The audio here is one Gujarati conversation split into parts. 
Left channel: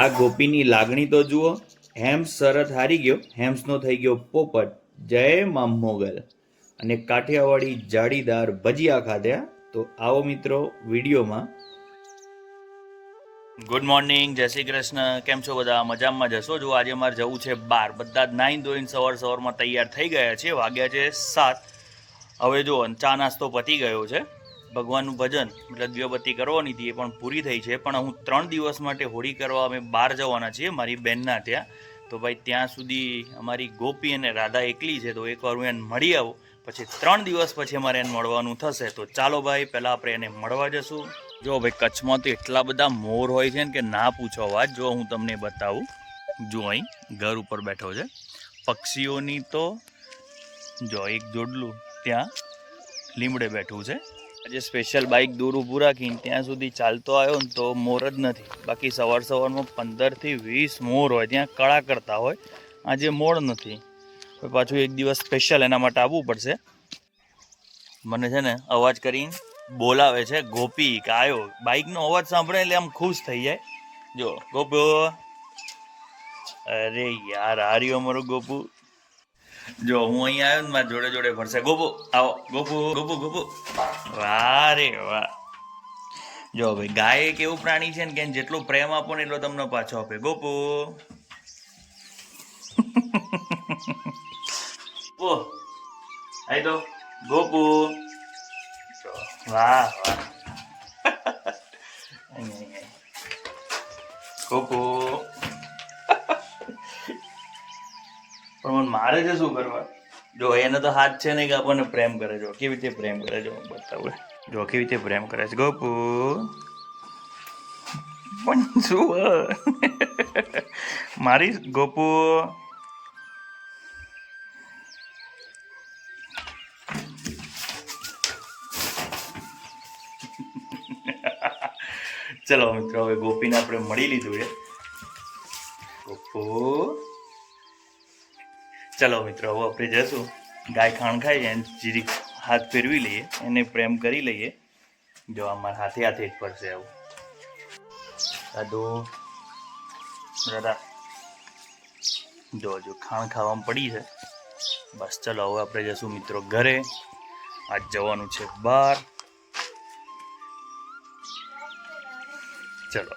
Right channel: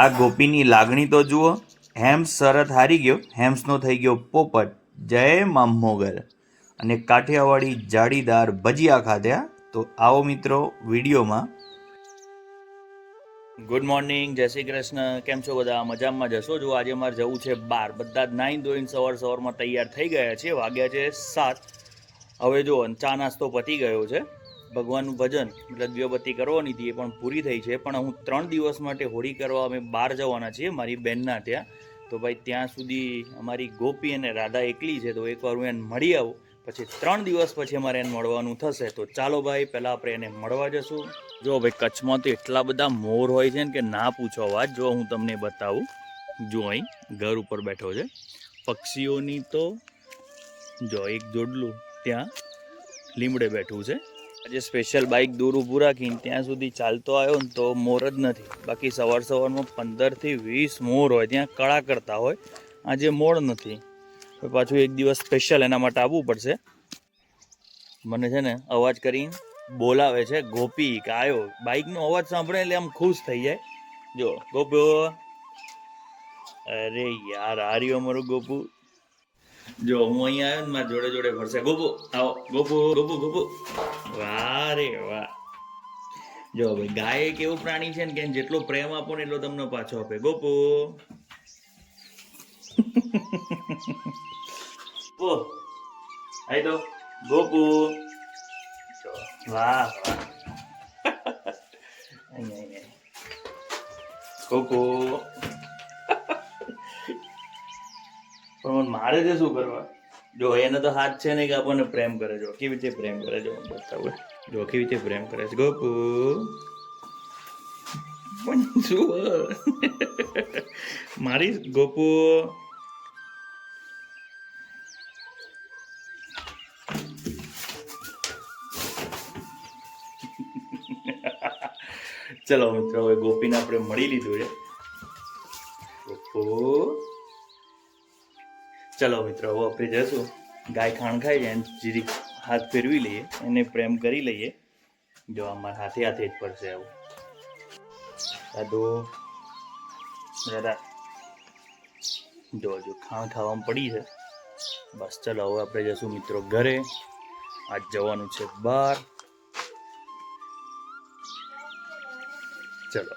આ ગોપીની લાગણી તો જુઓ, હેમ્સ શરત હારી ગયો, હેમ્સનો થઈ ગયો પોપટ. જય મામ મોગલ. અને કાઠિયાવાડી જાળીદાર ભજીયા ખાધ્યા તો આવો મિત્રો, વિડીયોમાં. ગુડ મોર્નિંગ જય શ્રી કૃષ્ણ. કેમ છો બધા? મજામાં જશો? જો આજે મારે જવું છે બાર. બધા જ નાઈન ધોઈને સવાર સવારમાં તૈયાર થઈ ગયા છે. વાગ્યા છે સાત. હવે જો ચા નાસ્તો પતી ગયો છે. ભગવાનનું ભજન, મતલબ દીવાબત્તી કરવાની હતી એ પણ પૂરી થઈ છે. પણ હું ત્રણ દિવસ માટે હોળી કરવા અમે બહાર જવાના છીએ, મારી બહેનના ત્યાં. તો ભાઈ ત્યાં સુધી અમારી ગોપી અને રાધા એકલી છે, તો એકવાર હું એને મળી આવું. પછી ત્રણ દિવસ પછી અમારે એને મળવાનું થશે. તો ચાલો ભાઈ, પહેલાં આપણે એને મળવા જશું. જો ભાઈ, કચ્છમાં તો એટલા બધા મોર હોય છે ને કે ના પૂછો વાત. જો હું તમને બતાવું. જો અહીં ઘર ઉપર બેઠો છે. પક્ષીઓની તો જો એક જોડલું ત્યાં લીમડે બેઠું છે. આજે સ્પેશિયલ બાઇક દૂર ઊભું રાખીને ત્યાં સુધી ચાલતો આવ્યો ને તો મોર જ નથી. બાકી સવાર સવારમાં પંદરથી વીસ મોર હોય, ત્યાં કળા કરતા હોય. આજે મોર નથી. પાછું એક દિવસ સ્પેશિયલ એના માટે આવવું પડશે. મને છે ને અવાજ કરીને બોલાવે છે ગોપી કે આવ્યો બાઇકનો અવાજ સાંભળે એટલે આમ ખુશ થઈ જાય. જો, ગોપુ અરે યાર, આ રહ્યો અમારો ગોપુ. જો, હું અહીંયા આવ્યો ને મારા જોડે જોડે ફરશે. ગોપુ, આવો. ગોપુ ગોપુ ગોપુ. વાહ રે વાહ. જો, ભાઈ, ગાય એક એવું પ્રાણી છે ને કે જેટલો પ્રેમ આપો ને એટલો તમને પાછો આપે. ગોપુ. ઓ આઈ તો. ગોપુ. વાહ વાહ. ગોપુ. પણ મારે છે શું કરવા? જો એને તો હાથ છે ને કે આપણને પ્રેમ કરે જો કેવી રીતે પ્રેમ કરે જો બતાવું. જો કેવી રીતે પ્રેમ કરે છે. ગોપુ. પણ શું? મારી ગોપુ. ચલો મિત્રો, હવે ગોપીને આપણે મળી લીધું છે. ગોપુ. ચલો મિત્રો, હવે આપણે જશું ગાય ખાણ ખાઈ જાય જીરીક હાથ ફેરવી લઈએ, એને પ્રેમ કરી લઈએ. જો અમારા હાથે હાથે જ પડશે આવું. સાધુ દાદા. જો જો, ખાણ ખાવામાં પડી છે. બસ ચલો, હવે આપણે જશું મિત્રો ઘરે. આજ જવાનું છે બહાર. ચલો.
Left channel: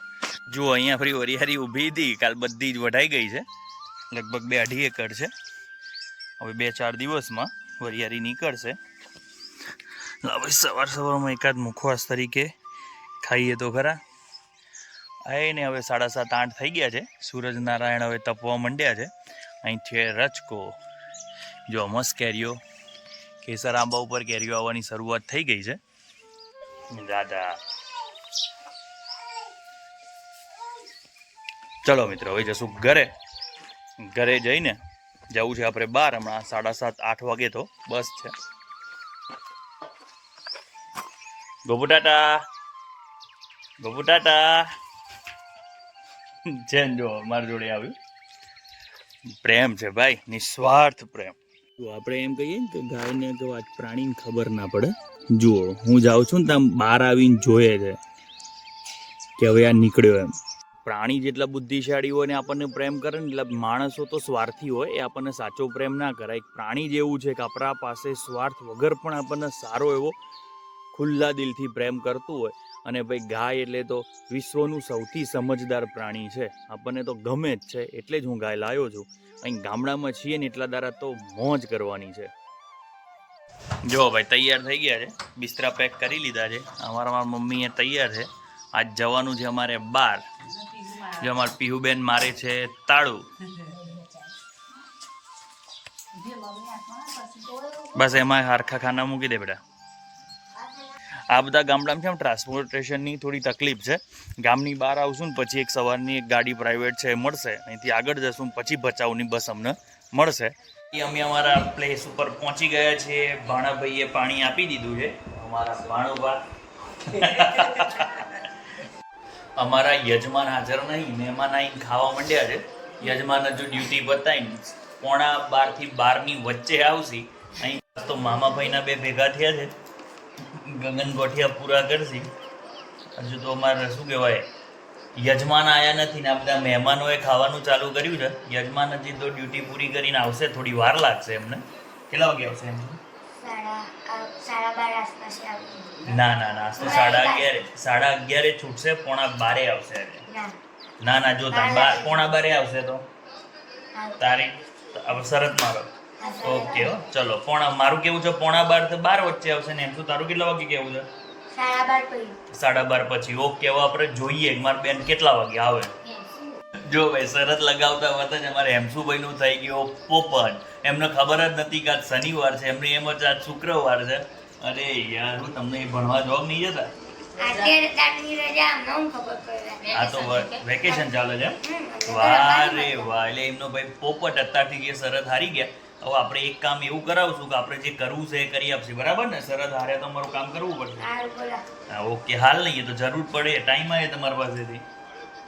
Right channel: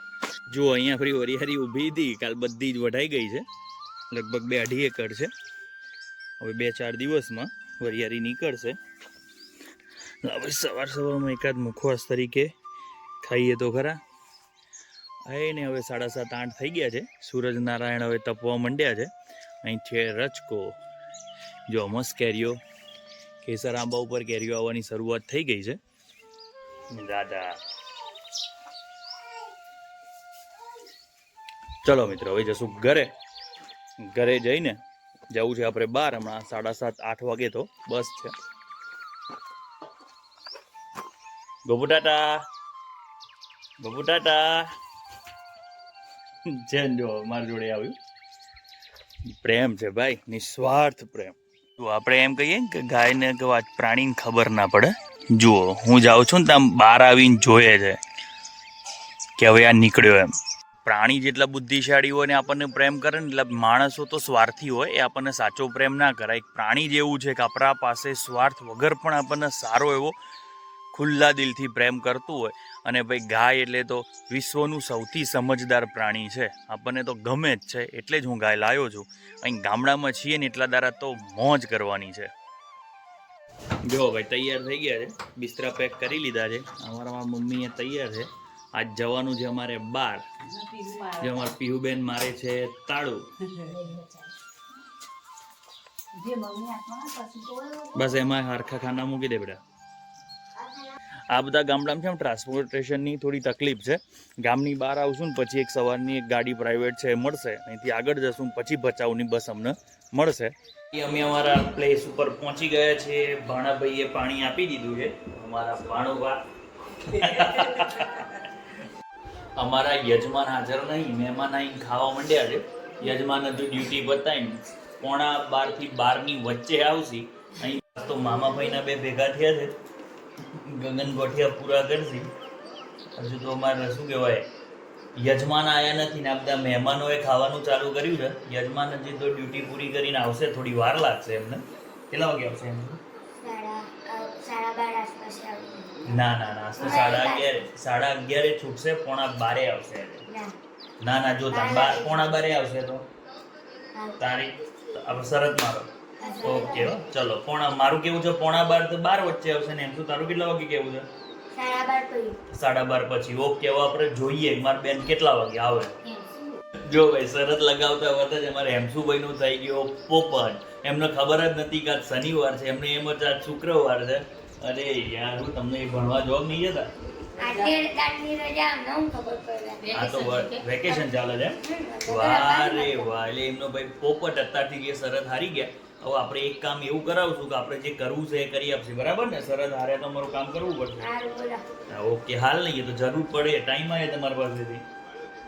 જુઓ, અહીંયા ફરી વરિયારી ઊભી હતી. કાલ બધી જ વઢાઈ ગઈ છે. લગભગ બે અઢી એકર છે. હવે બે ચાર દિવસમાં વરિયારી નીકળશે. હવે સવાર સવારમાં એકાદ મુખવાસ તરીકે ખાઈએ તો ખરા. આય ને હવે સાડા સાત, આઠ થઈ ગયા છે. સૂરજ નારાયણ હવે તપવા માંડ્યા છે. અહીં છે રચકો જો મસ્ત કેરીઓ, કેસર આંબા ઉપર કેરીઓ આવવાની શરૂઆત થઈ ગઈ છે. દાદા. ચલો મિત્રો, હવે જશું ઘરે. ઘરે જઈને જવું છે આપણે બાર, હમણાં સાડા સાત, આઠ વાગે તો. બસ છે. ગોપુ ટાટા. ગોપુ જો, મારી જોડે આવ્યું. પ્રેમ છે ભાઈ, નિસ્વાર્થ પ્રેમ. જો આપણે એમ કહીએ ને કે ગાયને કે વાત પ્રાણીને ખબર ના પડે. જુઓ, હું જાઉં છું ને ત્યાં બહાર આવીને જોઈએ છે કે હવે આ નીકળ્યો એમ. પ્રાણી જેટલા બુદ્ધિશાળી હોય ને આપણને પ્રેમ કરે ને એટલા માણસો તો સ્વાર્થી હોય, એ આપણને સાચો પ્રેમ ના કરાય. એક પ્રાણી જેવું છે કે આપણા પાસે સ્વાર્થ વગર પણ આપણને સારો એવો ખુલ્લા દિલથી પ્રેમ કરતું હોય. અને ભાઈ ગાય એટલે તો વિશ્વનું સૌથી સમજદાર પ્રાણી છે. આપણને તો ગમે જ છે, એટલે જ હું ગાય લાવ્યો છું. અહીં ગામડામાં છીએ ને એટલા દારા તો મોજ કરવાની છે. જો ભાઈ તૈયાર થઈ ગયા છે. બિસ્તરા પેક કરી લીધા છે. અમારા મારા મમ્મીએ તૈયાર છે. આજ જવાનું છે અમારે બાર. જે અમારા પીહુબેન મારે છે તાળું. બસ એમાં હારખા ખાના મૂકી દે બેટા. આ બધા ગામડામાં છે ને ટ્રાન્સપોર્ટેશનની થોડી તકલીફ છે? ગામની બહાર આવશું ને પછી એક સવારની એક ગાડી પ્રાઇવેટ છે મળશે. અહીંથી આગળ જશું પછી ભચાઉની બસ અમને મળશે. અમે અમારા પ્લેસ ઉપર પહોંચી ગયા છીએ. ભાણાભાઈએ પાણી આપી દીધું છે. અમારા ભાણુભા અમારા યજમાન હાજર નહીં, મહેમાન આવીને ખાવા માંડ્યા છે. યજમાન હજુ ડ્યુટી બતાવીને પોણા બારથી બારની વચ્ચે આવશે. અહીં તો મામાભાઈના બે ભેગા થયા છે. ગગન ગોઠિયા પૂરા કરશે. હજુ તો અમારે શું કહેવાય, યજમાન આવ્યા નથી ને આ બધા મહેમાનોએ ખાવાનું ચાલુ કર્યું છે. યજમાન હજી તો ડ્યુટી પૂરી કરીને આવશે, થોડી વાર લાગશે એમને. કેટલા વાગે આવશે એમ સાડા અ, સાડા બાર આસપાસ આવી ના ના ના તો સાડા અગિયારે સાડા અગિયારે છૂટશે પોણા બારે આવશે ના. ના જો પોણા બારે આવશે તો. તારીખ શરત મારો. ઓકે ચલો પોણા મારું કેવું છે? પોણા બાર તો બાર વચ્ચે આવશે ને એમ શું? તારું કેટલા વાગે કેવું છે? સાડા બાર પછી. સાડા બાર પછી. ઓકે હવે આપણે જોઈએ. મારા બેન કેટલા વાગે આવે? જો ભાઈ શરત લગાવતા વખતે જ અમારે હેમસુભાઈનું થઈ ગયું પોપટ. એમને ખબર જ નથી કે આજ શનિવાર છે. એમને એમ જ આજ શુક્રવાર છે. અરે યાર હું તમને ભણવા જોબ નહીં જતા? આ તો વેકેશન ચાલે છે એમ? વાહ રે વાહ એટલે એમનો ભાઈ પોપટ અત્યારથી જે શરત હારી ગયા. હવે આપણે એક કામ એવું કરાવશું કે આપણે જે કરવું છે એ કરી આપશે. બરાબર ને? શરત હારે તો અમારું કામ કરવું પડશે. હા ઓકે હાલ નહીં એ તો જરૂર પડે. ટાઈમ આવે તમારી પાસેથી.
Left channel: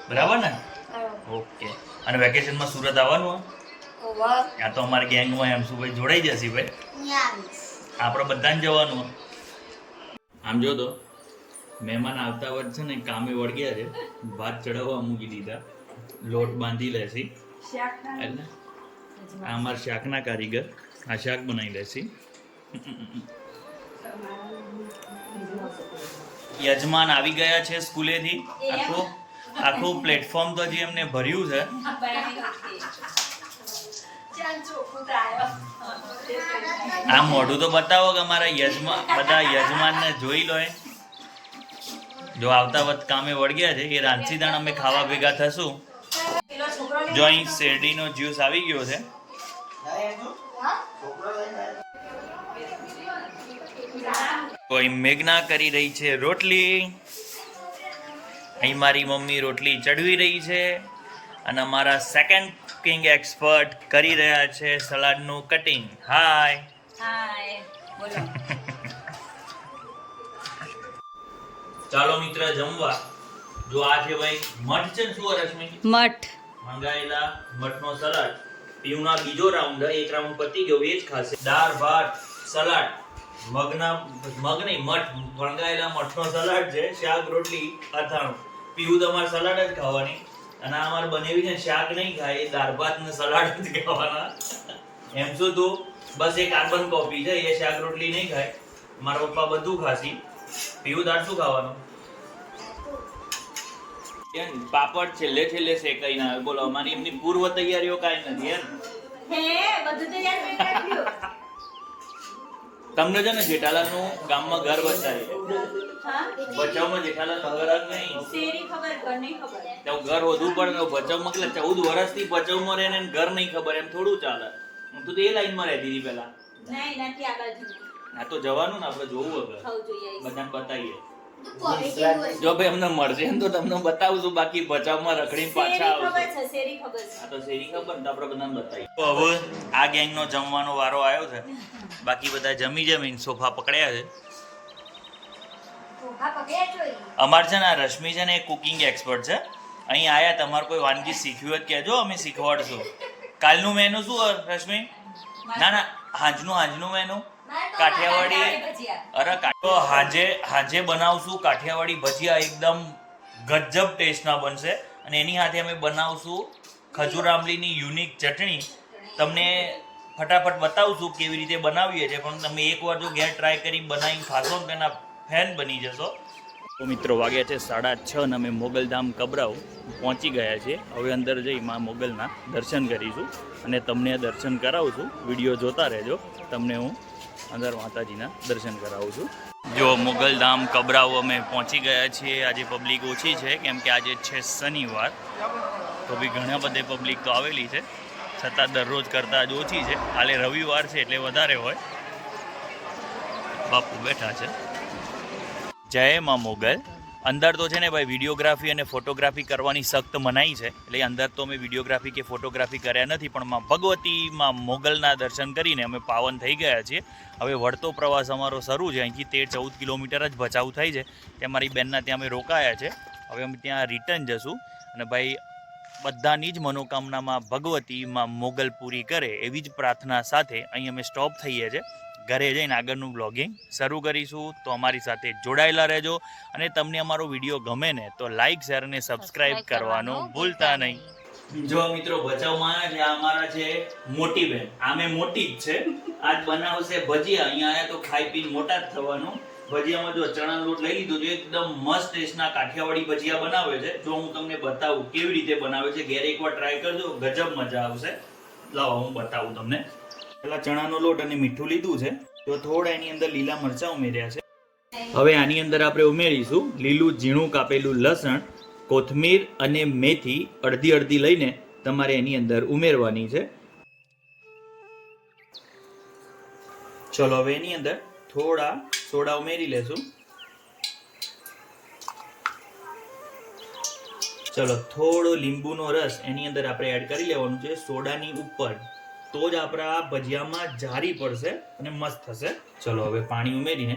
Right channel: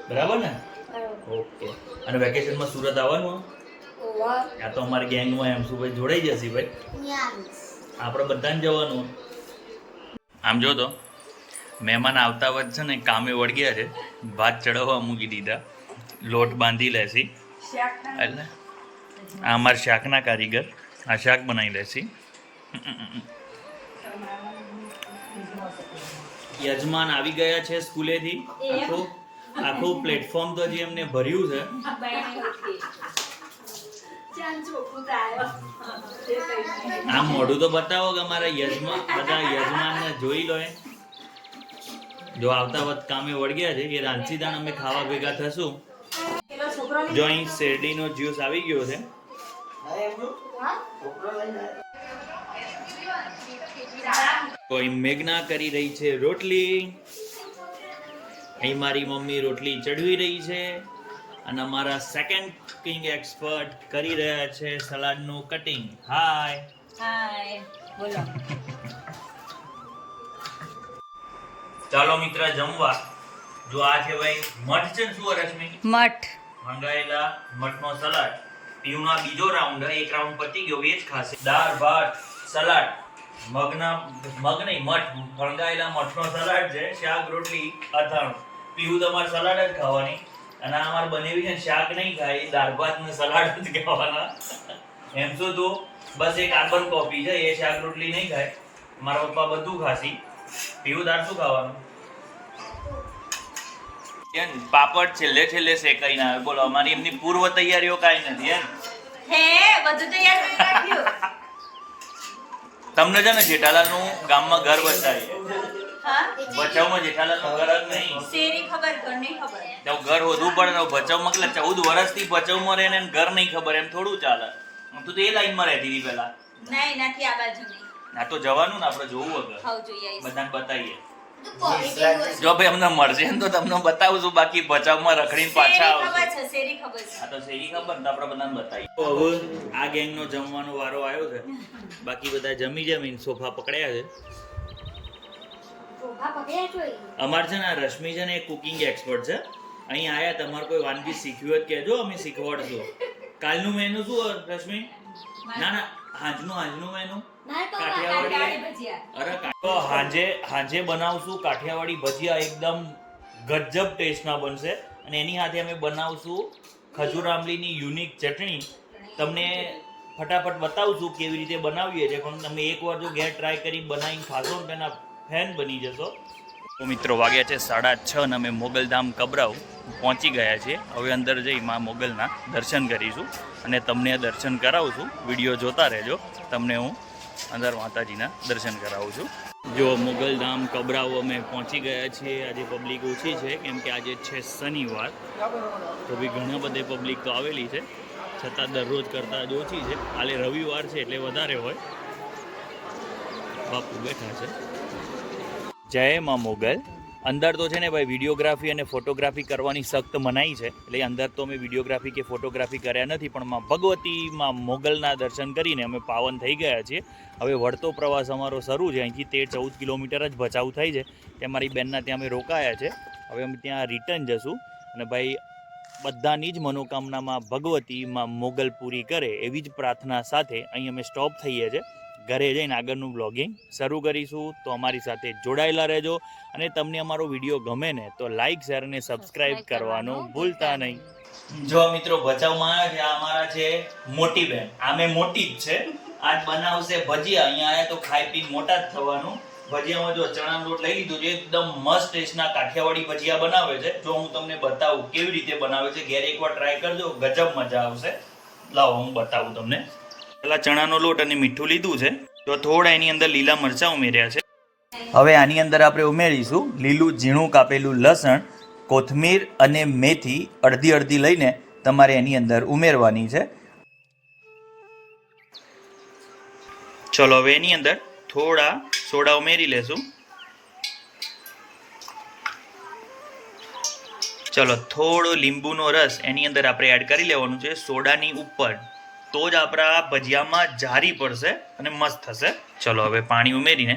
બરાબર ને? ઓકે. અને વેકેશનમાં સુરત આવવાનું? આ તો અમારી ગેંગમાં એમ શું ભાઈ જોડાઈ જશે ભાઈ. આપણે બધાને જવાનું. આમ જો તો, મહેમાન આવતા વખત છે ને કામે વળગ્યા છે, ભાત ચડાવવા મૂકી દીધા. લોટ બાંધી લેશી. એટલે આ અમારા શાકના કારીગર, આ શાક બનાવી લેશી. યજમાન આવી ગયા છે સ્કૂલેથી. આખું આખું પ્લેટફોર્મ તો હજી એમને ભર્યું છે. આમ મોઢું તો બતાવો કે અમારા યજમાન બધા યજમાનને જોઈ લો જો આવતા વખત કામે વળગ્યા છે એ રાંચી દાણ અમે ખાવા ભેગા થશું. જો અહીં શેરડીનો જ્યુસ આવી ગયો છે. કોઈ મેઘના કરી રહી છે રોટલી. અહીં મારી મમ્મી રોટલી ચડવી રહી છે. અને અમારા સેકન્ડ કુકિંગ એક્સપર્ટ કરી રહ્યા છે સલાડનું કટિંગ હાય હાય બોલો. ચાલો મિત્ર જમવા. જો આ છે ભાઈ મઠ છે શું રશ્મિ? મઠ. મંગાયેલા મઠનો સલાડ. પીવના બીજો રાઉન્ડ એક રાઉન્ડ પતી ગયો એ જ ખાશે. દાળ ભાત સલાડ. મગના મગ નહીં મઠ. ફણગાયેલા મઠનો સલાડ છે શાક રોટલી અથાણું. પીવું તમારે સલાડ જ ખાવાની. અને આ અમારે બનેવી છે શાક નહીં ખાય એ દાળ ભાત ને સલાડ જ ખાવાના. એમ શું તો બસ એ કાર્બન કોપી છે એ શાક રોટલી નહીં ખાય. મારા પપ્પા બધું ખાસી પીવું દાળ શું ખાવાનું? એમ પાપડ છેલ્લે છેલ્લે શેકાઈને આવે. બોલો અમારી એમની પૂર્વ તૈયારીઓ કાંઈ નથી એમ? હે બધું તૈયાર કરી રાખ્યું તમને છે ને જેઠાલાલનું ગામમાં ઘર બતાવીએ ભચાઉમાં જ નહીં. શેરી ખબર? ઘર નહીં ખબર. તો ઘર વધવું પડે ને ભચાઉમાં કેટલા ચૌદ વર્ષથી ભચાઉમાં રહીને એને ઘર નહીં ખબર એમ થોડું ચાલે. તું તો એ લાઈનમાં રહેતી હતી પહેલા. નહીં નથી આ બાજુ. આ તો જવાનું ને આપણે જોવું વગર ખાવ જોઈએ બધાને બતાવીએ. તો positive હોય. જો ભાઈ અમને મળશે ને તો તમને બતાવશું બાકી ભચાઉમાં રખડીને પાછા આવશું છે. શેરી ખબર છે? આ તો શેરી ખબર ને આપણે બધાને બતાવીએ. તો હવે આ ગેંગનો જમવાનો વારો આવ્યો છે. બાકી બધા જમી જમીને સોફા પકડ્યા છે? અમારે છે ને આ રશ્મિ છે ને એ કુકિંગ એક્સપર્ટ છે. અહીં આયા તમારે કોઈ વાનગી શીખવી હોય કહેજો અમે શીખવાડશું. કાલનું મેનુ શું રશ્મિ? ના ના હાંજનું હાંજનું મેનુ કાઠિયાવાડી કાઠિયાવાડી અરે હાંજે હાંજે બનાવશું કાઠિયાવાડી ભજીયા એકદમ ગજબ ટેસ્ટના બનશે. અને એની સાથે અમે બનાવશું ખજૂર આંબલીની યુનિક ચટણી. તમને ફટાફટ બતાવશું કેવી રીતે બનાવીએ છીએ. પણ તમે એકવાર જો ઘેર ટ્રાય કરી બનાવીને ખાશો ને તેના ફેન બની જશો. તો મિત્રો વાગ્યા છે સાડા છ અને અમે મોગલધામ કબરાવ પહોંચી ગયા છીએ. હવે અંદર જઈ માં મોગલના દર્શન કરીશું અને તમને દર્શન કરાવું છું. વીડિયો જોતા રહેજો. તમને હું અંદર માતાજીના દર્શન કરાવું છું. જો મોગલધામ કબરાવ અમે પહોંચી ગયા છીએ. આજે પબ્લિક ઓછી છે, કેમ કે આજે છે શનિવાર. તો બી ઘણા બધે પબ્લિક તો આવેલી છે. છતાં દરરોજ કરતાં જ ઓછી છે. કાલે રવિવાર છે એટલે વધારે હોય. બાપુ બેઠા છે. જય માં મોગલ. અંદર તો છે ને ભાઈ વિડીયોગ્રાફી અને ફોટોગ્રાફી કરવાની સખ્ત મનાઈ છે. એટલે અંદર તો અમે વિડીયોગ્રાફી કે ફોટોગ્રાફી કર્યા નથી, પણ માં ભગવતી માં મોગલના દર્શન કરીને અમે પાવન થઈ ગયા છીએ. હવે વળતો પ્રવાસ અમારો શરૂ છે. અહીંથી તેર ચૌદ કિલોમીટર જ ભચાઉ થાય છે. ત્યાં મારી બેનના ત્યાં અમે રોકાયા છે. હવે અમે ત્યાં રિટર્ન જશું. અને ભાઈ બધાની જ મનોકામનામાં ભગવતી માં મોગલ પૂરી કરે એવી જ પ્રાર્થના સાથે અહીં અમે સ્ટોપ થઈએ છીએ. ઘરે જઈને આગળનું બ્લોગિંગ શરૂ કરીશું. તો અમારી સાથે જોડાયેલા રહેજો અને તમને અમારો વીડિયો ગમે ને તો લાઈક શેર અને સબસ્ક્રાઇબ કરવાનું ભૂલતા નહીં. જો મિત્રો ભચાઉમાં જે અમારા છે મોટી બેન. આમે મોટી જ છે. આજ બનાવશે ભજીયા. અહીંયા આયા તો ખાઈ પી મોટા જ થવાનું. ભજીયામાં જો ચણા લોટ લઈ લીધો છે એકદમ મસ્ત ટેસ્ટના કાઠિયાવાડી ભજીયા બનાવે છે. જો હું તમને બતાવું કેવી રીતે બનાવે છે ઘેર એકવાર ટ્રાય કરજો. ગજબ મજા આવશે. લાવો હું બતાવું તમને. પેલા ચણાનો લોટ અને મીઠું લીધું છે. તો થોડા એની અંદર લીલા મરચાં ઉમેર્યા છે. હવે આની અંદર આપણે ઉમેરીશું લીલું ઝીણું કાપેલું લસણ, કોથમીર અને મેથી અડધી અડધી લઈને તમારે એની અંદર ઉમેરવાની છે. ચલો હવે એની અંદર થોડા સોડા ઉમેરી લેશું. ચલો થોડો લીંબુનો રસ એની અંદર આપણે એડ કરી લેવાનું છે સોડાની ઉપર. તો જ આપણા ભજીયામાં જારી પડશે અને મસ્ત થશે. ચલો હવે પાણી ઉમેરીને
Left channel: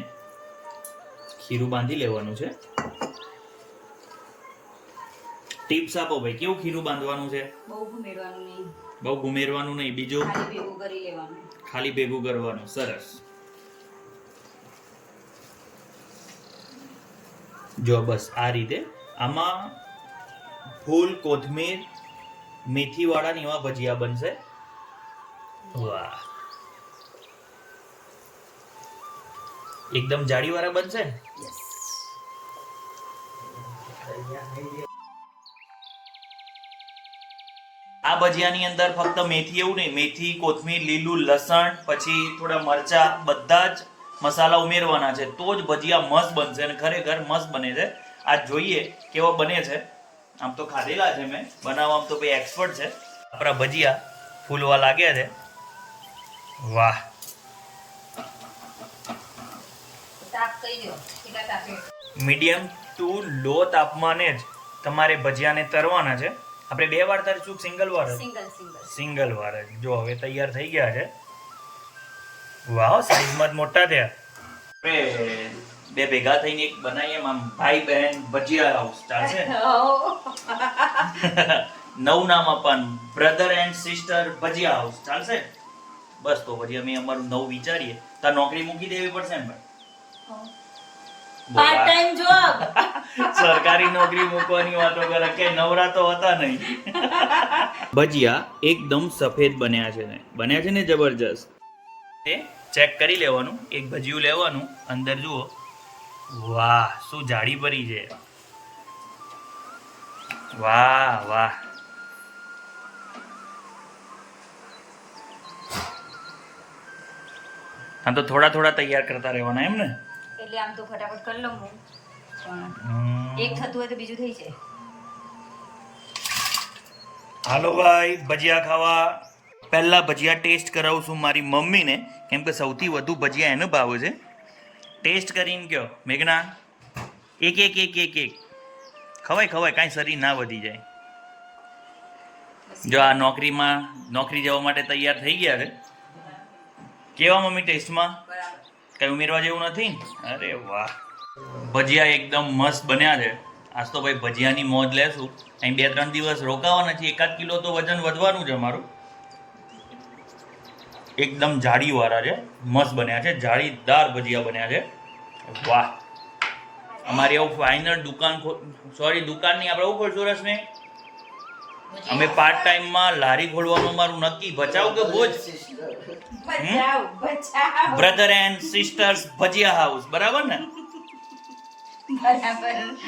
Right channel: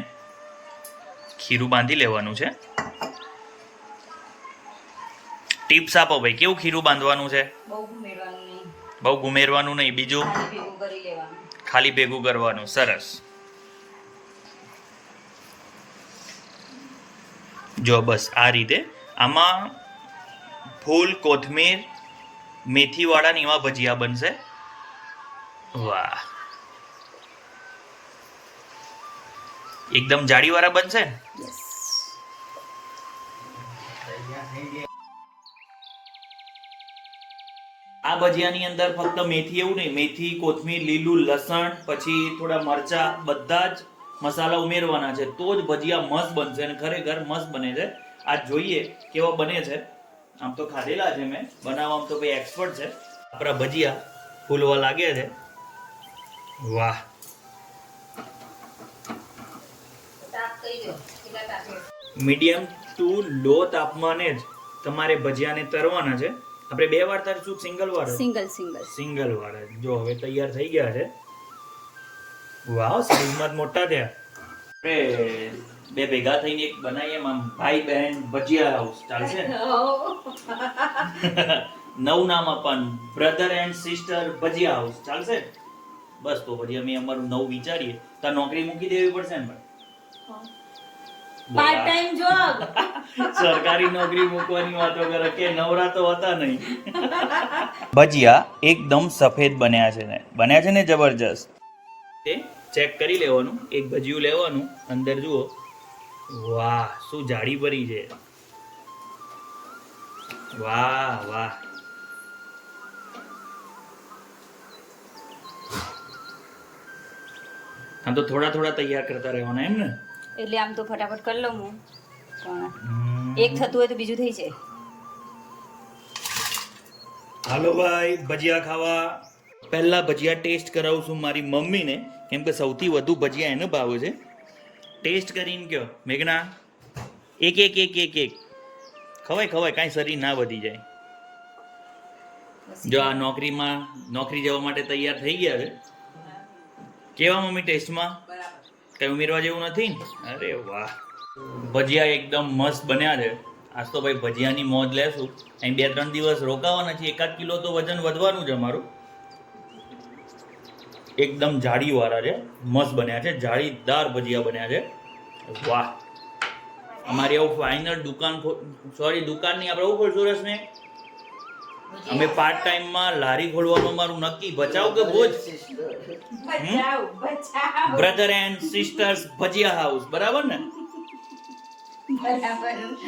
ખીરું બાંધી લેવાનું છે. ટિપ્સ આપો ભાઈ કેવું ખીરું બાંધવાનું છે? બહુ ગુમેરવાનું નહીં. બીજું? ભેગું ખાલી ભેગું કરવાનું સરસ. જો બસ આ રીતે. આમાં ફૂલ કોથમીર મેથીવાળાની એવા ભજીયા બનશે. વાહ. એકદમ જાળીવાળા બનશે આ ભજીયાની અંદર ફક્ત મેથી એવું નહીં, મેથી, કોથમીર, લીલું, લસણ, પછી થોડા મરચા, બધા જ મસાલા ઉમેરવાના છે. તો જ ભજીયા મસ્ત બનશે અને ખરેખર મસ્ત બને છે. આ જોઈએ કેવો બને છે. આમ તો ખાધેલા છે મેં. બનાવવામાં તો ભાઈ એક્સપર્ટ છે. આપણા ભજીયા ફૂલવા લાગ્યા છે. વાહ. તાપ કહી દો કેટલા તાપે મીડિયમ ટુ લો તાપમાને જ તમારે ભજીયાને તરવાના છે. આપણે બે વાર તરશું સિંગલ વાર? Single single. સિંગલ વાર જો. હવે તૈયાર થઈ ગયા છે. વાવ સાઈઝમાં જ મોટા થયા. આપણે બે ભેગા થઈને એક બનાવીએ આમ ભાઈ બહેન ભજીયા હાઉસ ચાલશે? નવું નામ આપવાનું. Brother and sister bhajiya house ચાલશે? બસ તો પછી અમે અમારું નવું વિચારીએ. તાર નોકરી મૂકી દેવી પડશે ને ભાઈ. પાર્ટ ટાઈમ જોબ સરકારી નોકરી મૂકવાની વાતો કરે કે નવરા તો હતા નહીં. ભજીયા એકદમ સફેદ બન્યા છે ને. બન્યા છે ને જબરજસ્ત. એ ચેક કરી લેવાનું એક ભજીયું લેવાનું અંદર જુઓ. વાહ શું જાડી ભરી છે. વાહ વાહ. હા તો થોડા થોડા તૈયાર કરતા રહેવાના એમ ને? એટલે આમ તો ફટાફટ કરી લઉં હું. પણ એક થતું હોય તો બીજું થઈ જાય. હાલો ભાઈ ભજીયા ખાવા. પહેલા ભજીયા ટેસ્ટ કરાવું છું મારી મમ્મીને. કેમ કે સૌથી વધુ ભજીયા એને ભાવે છે. ટેસ્ટ કરીને કયો મેઘના? એક એક એક એક એક. ખવાય ખવાય કાંઈ શરીર ના વધી જાય. જો આ નોકરીમાં નોકરી જવા માટે તૈયાર થઈ ગયા છે કેવા મમ્મી ટેસ્ટમાં? કંઈ ઉમેરવા જેવું નથી? અરે વાહ. ભજીયા એકદમ મસ્ત બન્યા છે. આજ તો ભાઈ ભજીયાની મોજ લેશું. અહીં બે ત્રણ દિવસ રોકાવાના છે એકાદ કિલો તો વજન વધવાનું છે અમારું. એકદમ જાડીવાળા છે. મસ્ત બન્યા છે. જાળીદાર ભજીયા બન્યા છે. વાહ. અમારી આવું ફાઇનલ દુકાન સોરી દુકાન નહીં આપણે એવું ખોલશું રસમે અમે પાર્ટ ટાઈમમાં લારી ખોલવાનું મારું નક્કી. બચાવ કે બચાવ brother and sisters bhajiya house બરાબર ને?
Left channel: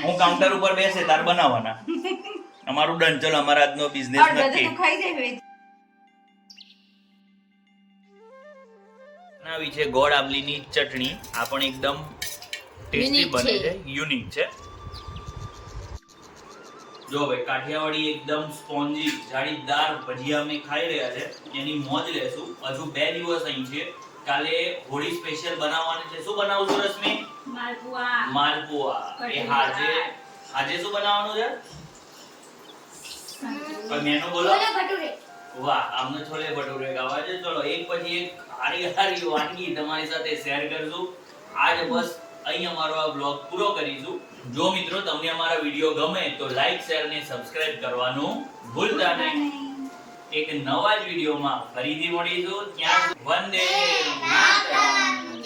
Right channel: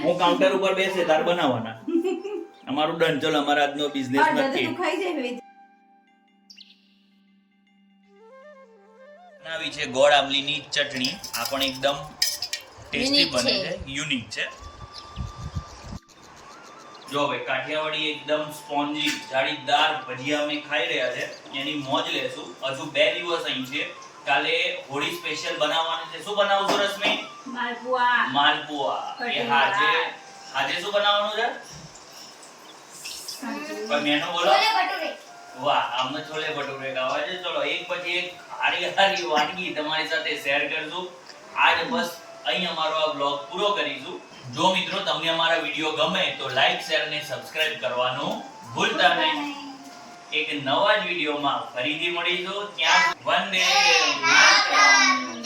હું કાઉન્ટર ઉપર બેસે તાર બનાવવાના. અમારું ડન. ચલો અમારા આજનો બિઝનેસ નક્કી. બનાવી છે ગોળ આંબલીની ચટણી. આ પણ એકદમ ટેસ્ટી બને. છે. યુનિક છે. જો ભાઈ કાઠિયાવાડી એકદમ સ્પોન્જી જાળીદાર ભજીયા અમે ખાઈ રહ્યા છે. એની મોજ લેશું. હજુ બે દિવસ અહીં છે. કાલે હોળી સ્પેશિયલ બનાવવાની છે. શું બનાવશું રશ્મિ? માલપુઆ. માલપુઆ. એ હાજે હાજે શું બનાવવાનું છે? મેનુ બોલો? વાહ આમને છોલે ભટુરે ગાવા છે. ચલો એક પછી એક હારી હારી વાનગી તમારી સાથે શેર કરશું. આજ બસ અહીં અમારો આ બ્લોગ પૂરો કરીશું. જો મિત્રો તમને અમારા વીડિયો ગમે તો લાઈક શેર અને સબસ્ક્રાઇબ કરવાનું ભૂલતા નહીં. એક નવા જ વિડીયોમાં ફરીથી મળીશું. ત્યાં વંદે માતરમ.